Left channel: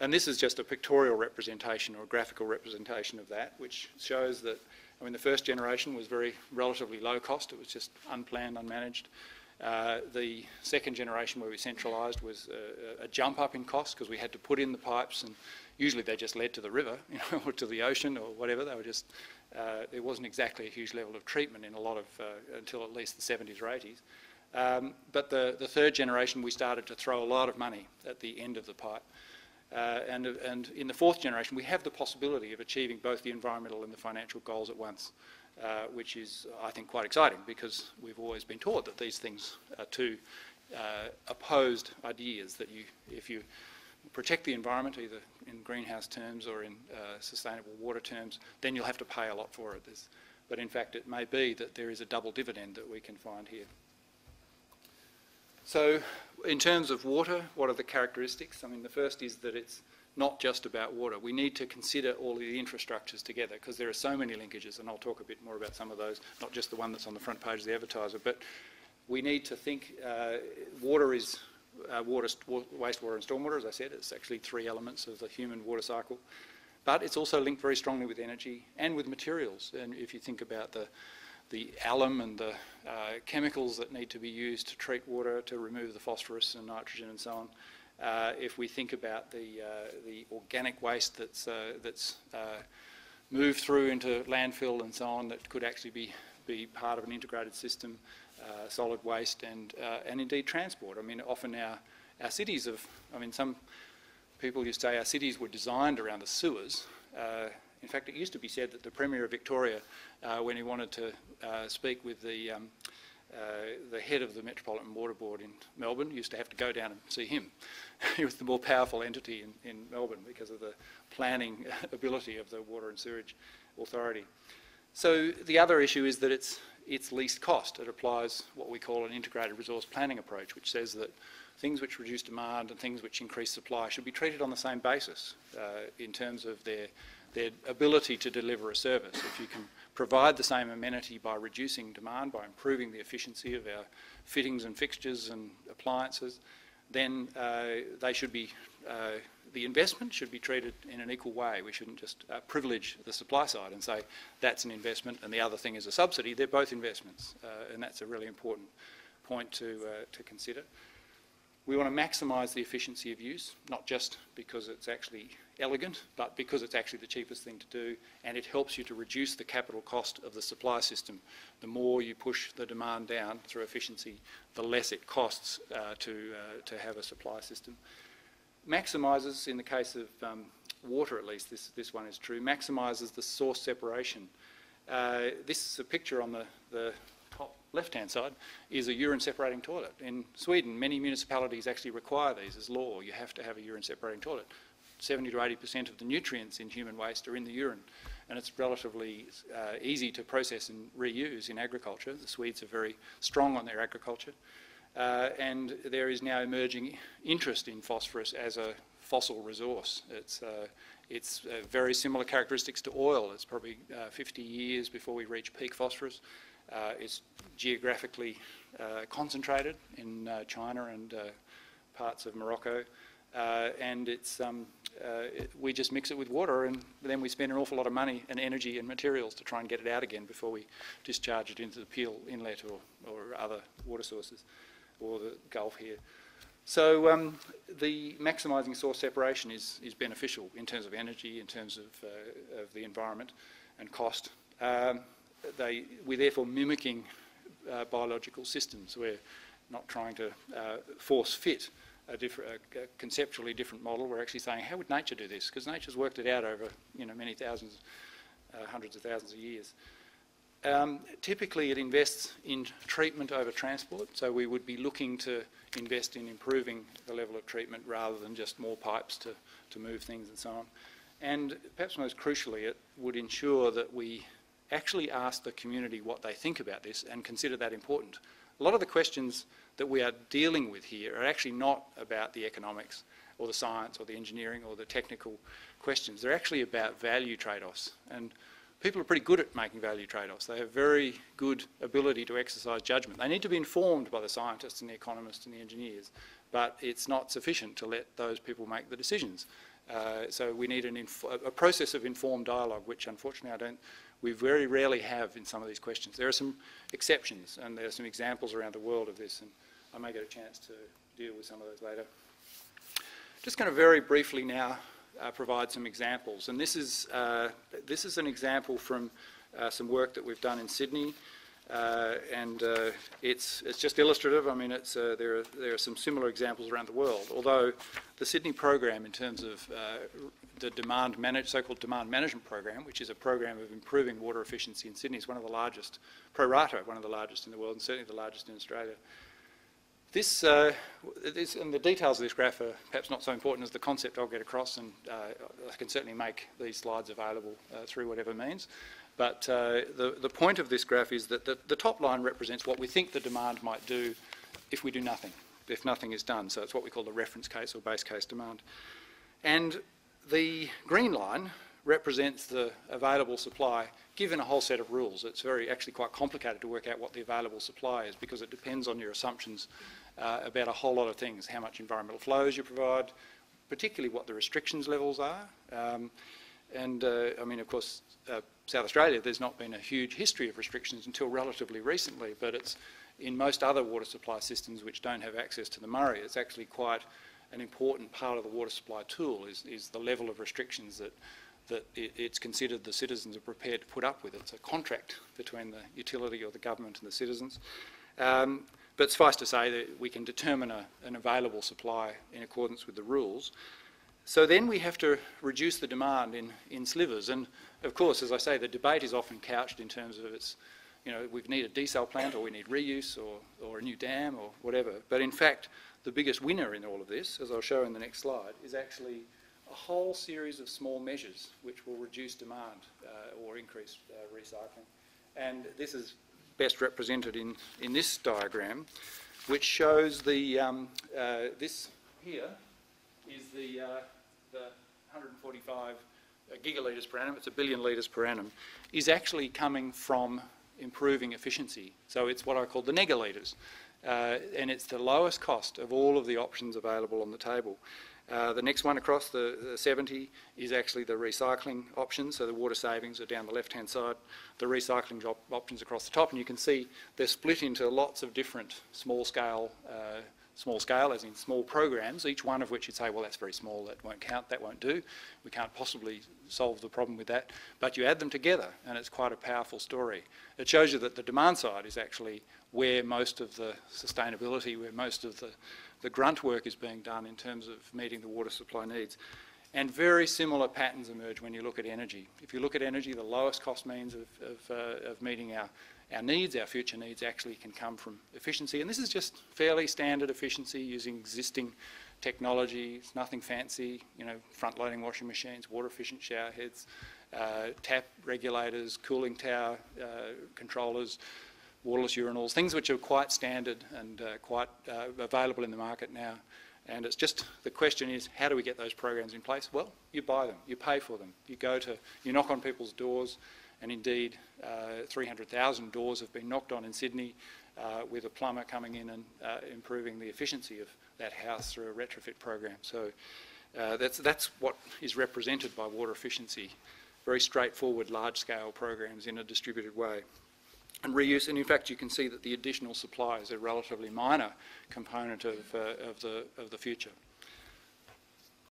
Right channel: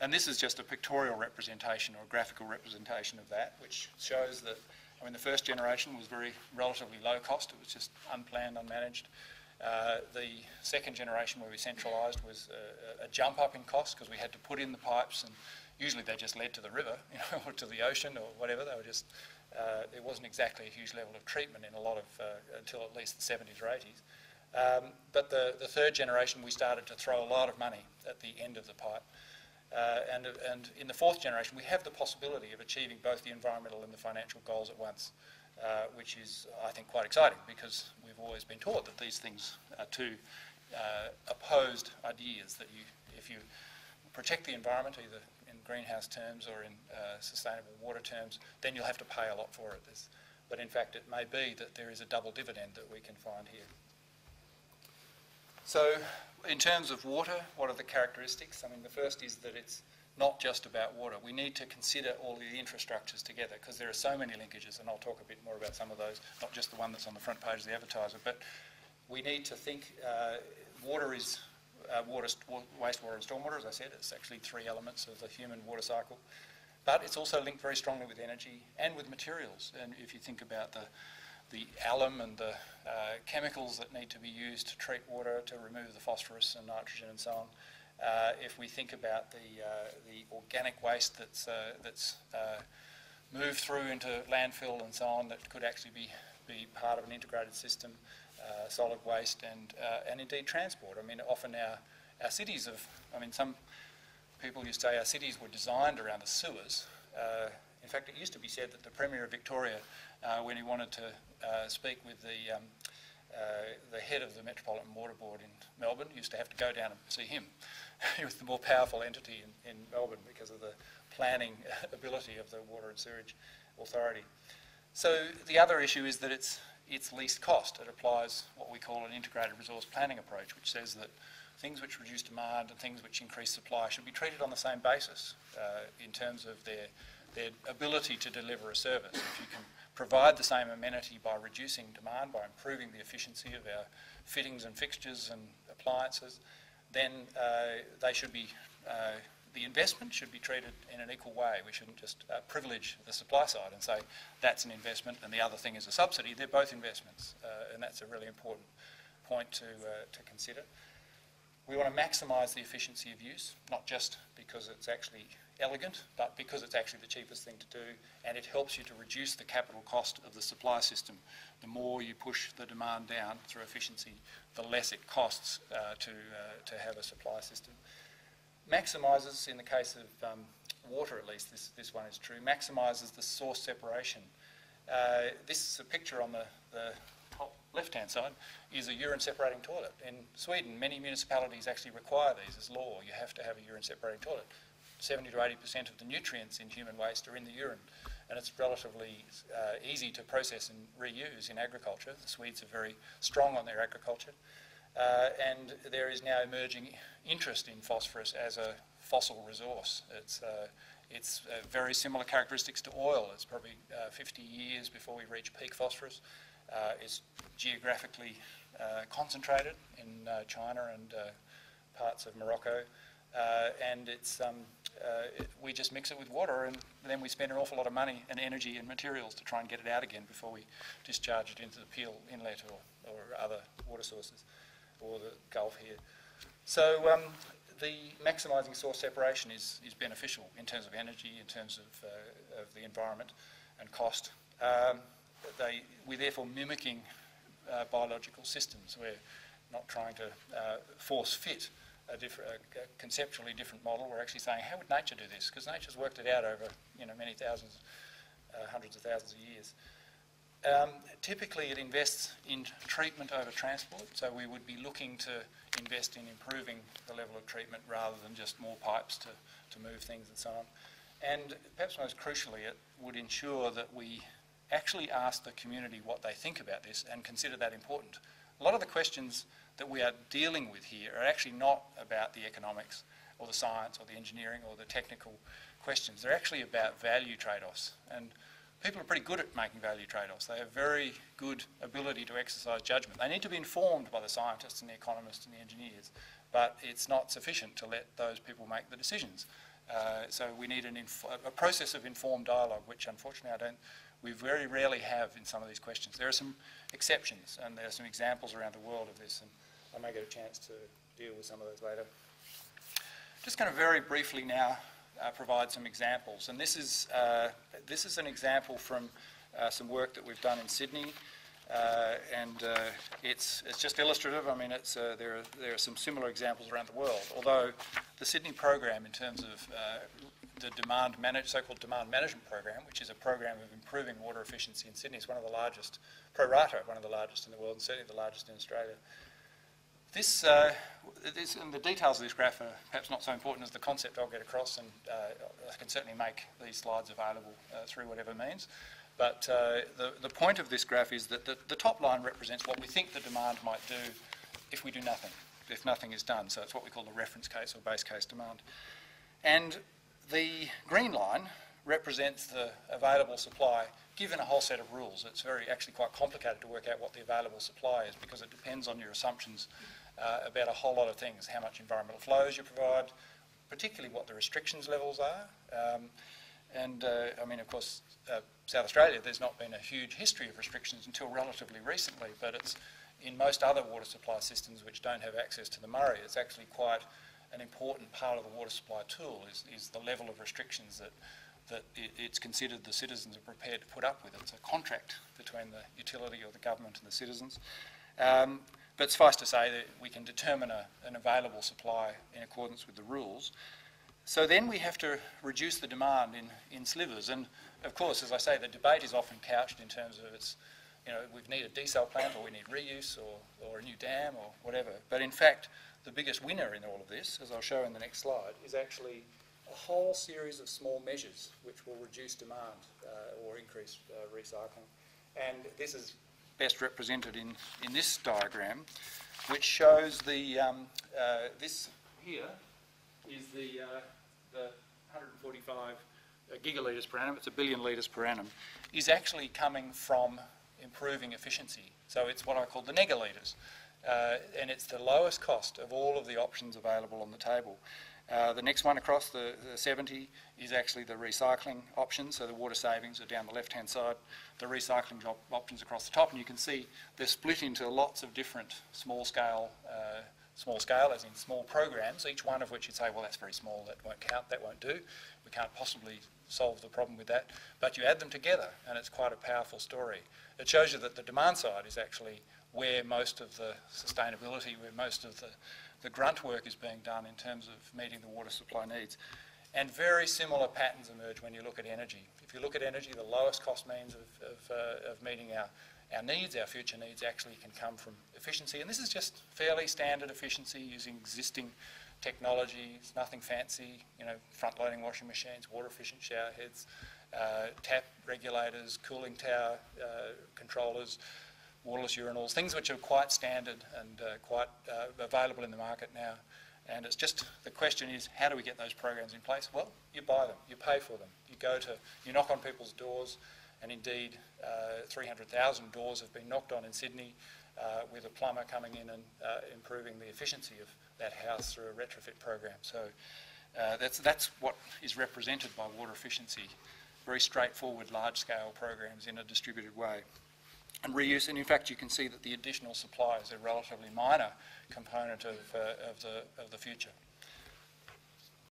And this is just a pictorial representation or a graphical representation of that, which shows that, I mean, the first generation was relatively low cost. It was just unplanned, unmanaged. The second generation, where we centralised, was a jump up in cost because we had to put in the pipes, and usually they just led to the river, you know, or to the ocean or whatever. They were just, there wasn't exactly a huge level of treatment in a lot of, until at least the 70s or 80s. But the third generation, we started to throw a lot of money at the end of the pipe. And in the fourth generation, we have the possibility of achieving both the environmental and the financial goals at once, which is, I think, quite exciting, because we've always been taught that these things are two opposed ideas, that if you protect the environment, either in greenhouse terms or in sustainable water terms, then you'll have to pay a lot for it. But in fact, it may be that there is a double dividend that we can find here. So in terms of water, what are the characteristics? I mean, the first is that it's not just about water. We need to consider all the infrastructures together, because there are so many linkages, and I'll talk a bit more about some of those, not just the one that's on the front page of the advertiser, but we need to think water is wastewater and stormwater. As I said, it's actually three elements of the human water cycle, but it's also linked very strongly with energy and with materials. And if you think about the alum and the chemicals that need to be used to treat water, to remove the phosphorus and nitrogen and so on. If we think about the organic waste that's moved through into landfill and so on, that could actually be part of an integrated system, solid waste and indeed transport. I mean, often our cities some people used to say our cities were designed around the sewers. In fact, it used to be said that the Premier of Victoria, when he wanted to speak with the head of the Metropolitan Water Board in Melbourne, used to have to go down and see him. He was the more powerful entity in Melbourne because of the planning ability of the Water and Sewerage Authority. So the other issue is that it's least cost. It applies what we call an integrated resource planning approach, which says that things which reduce demand and things which increase supply should be treated on the same basis in terms of their ability to deliver a service. If you can provide the same amenity by reducing demand, by improving the efficiency of our fittings and fixtures and appliances, then they should be, the investment should be treated in an equal way. We shouldn't just privilege the supply side and say that's an investment and the other thing is a subsidy. They're both investments, and that's a really important point to consider. We want to maximise the efficiency of use, not just because it's actually elegant, but because it's actually the cheapest thing to do, and it helps you to reduce the capital cost of the supply system. The more you push the demand down through efficiency, the less it costs to have a supply system. Maximises, in the case of water at least, this one is true, maximises the source separation. This is a picture on the top left-hand side, is a urine separating toilet. In Sweden, many municipalities actually require these as law. You have to have a urine separating toilet. 70 to 80% of the nutrients in human waste are in the urine, and it's relatively easy to process and reuse in agriculture. The Swedes are very strong on their agriculture, and there is now emerging interest in phosphorus as a fossil resource. It's very similar characteristics to oil. It's probably 50 years before we reach peak phosphorus. It's geographically concentrated in China and parts of Morocco, and we just mix it with water, and then we spend an awful lot of money and energy and materials to try and get it out again before we discharge it into the Peel Inlet or other water sources, or the Gulf here. So the maximising source separation is beneficial in terms of energy, in terms of the environment and cost. We're therefore mimicking biological systems. We're not trying to force fit a conceptually different model. We're actually saying, how would nature do this? Because nature's worked it out over many thousands, hundreds of thousands of years. Typically it invests in treatment over transport, so we would be looking to invest in improving the level of treatment rather than just more pipes to move things and so on. And perhaps most crucially, it would ensure that we actually ask the community what they think about this and consider that important. A lot of the questions that we are dealing with here are actually not about the economics or the science or the engineering or the technical questions. They're actually about value trade-offs. And people are pretty good at making value trade-offs. They have very good ability to exercise judgment. They need to be informed by the scientists and the economists and the engineers, but it's not sufficient to let those people make the decisions. So we need a process of informed dialogue, which unfortunately we very rarely have in some of these questions. There are some exceptions, and there are some examples around the world of this, and I may get a chance to deal with some of those later. Just going to very briefly now provide some examples, and this is an example from some work that we've done in Sydney, and it's just illustrative. I mean, there are some similar examples around the world, although the Sydney program, in terms of the so-called demand management program, which is a program of improving water efficiency in Sydney, is one of the largest, pro rata, one of the largest in the world, and certainly the largest in Australia. This and the details of this graph are perhaps not so important as the concept I'll get across, and I can certainly make these slides available through whatever means. But the point of this graph is that the top line represents what we think the demand might do if we do nothing, if nothing is done. So it's what we call the reference case or base case demand. And the green line represents the available supply given a whole set of rules. It's actually quite complicated to work out what the available supply is, because it depends on your assumptions about a whole lot of things: how much environmental flows you provide, particularly what the restrictions levels are. I mean, of course, South Australia, there's not been a huge history of restrictions until relatively recently, but it's in most other water supply systems which don't have access to the Murray, it's actually quite an important part of the water supply tool is the level of restrictions that it's considered the citizens are prepared to put up with. It's a contract between the utility or the government and the citizens. But suffice to say that we can determine an available supply in accordance with the rules. So then we have to reduce the demand in slivers. And of course, as I say, the debate is often couched in terms of we need a desal plant, or we need reuse, or a new dam, or whatever. But in fact, the biggest winner in all of this, as I'll show in the next slide, is actually a whole series of small measures which will reduce demand or increase recycling. And this is best represented in this diagram, which shows this here is the 145 gigalitres per annum, it's 1 billion litres per annum, is actually coming from improving efficiency. So it's what I call the negalitres. And it's the lowest cost of all of the options available on the table. The next one across, the 70, is actually the recycling options. So the water savings are down the left-hand side, the recycling options across the top, and you can see they're split into lots of different small scale as in small programs, each one of which you'd say, well, that's very small, that won't count, that won't do. We can't possibly solve the problem with that. But you add them together, and it's quite a powerful story. It shows you that the demand side is actually where most of the sustainability, where most of the grunt work is being done in terms of meeting the water supply needs. And very similar patterns emerge when you look at energy. If you look at energy, the lowest cost means of meeting our needs, our future needs, actually can come from efficiency. And this is just fairly standard efficiency using existing technology. It's nothing fancy, front-loading washing machines, water-efficient shower heads, tap regulators, cooling tower controllers, waterless urinals, things which are quite standard and quite available in the market now. And it's just, the question is, how do we get those programs in place? Well, you buy them, you pay for them. You knock on people's doors, and indeed 300,000 doors have been knocked on in Sydney with a plumber coming in and improving the efficiency of that house through a retrofit program. So that's what is represented by water efficiency. Very straightforward, large-scale programs in a distributed way. And reuse, and in fact you can see that the additional supply is a relatively minor component of the future.